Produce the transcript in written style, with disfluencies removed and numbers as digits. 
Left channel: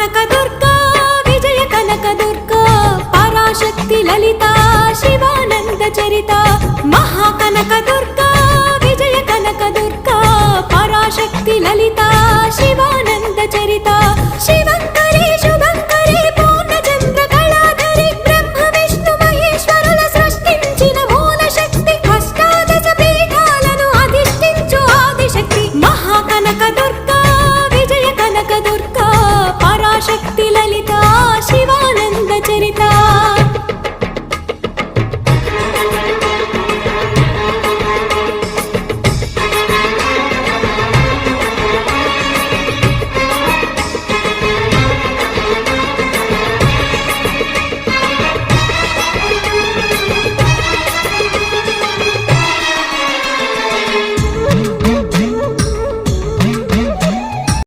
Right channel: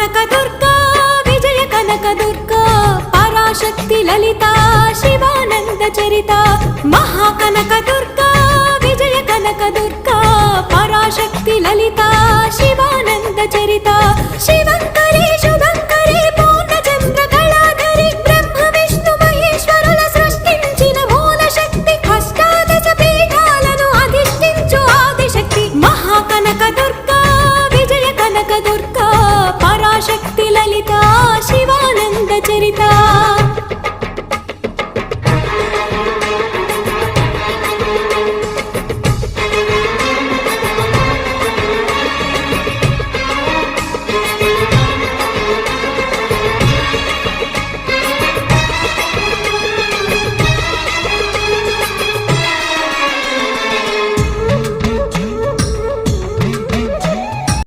కనకదుర్గా విజయ కనకదుర్గా పరాశక్తి లలిత శివానంద చరిత మహాకనకదుర్గా విజయ కనకదుర్గా పరాశక్తి లలిత శివానంద చరిత శివంకరి శుభంకరి పూర్ణచంద్ర కళాధరి బ్రహ్మ విష్ణు మహేశ్వరుల సృష్టించిన మూల శక్తి అష్టాదశ పీఠాలను అధిష్ఠించు ఆదిశక్తి మహాకనకదుర్గా విజయ కనకదుర్గా పరాశక్తి లలిత శివానంద చరిత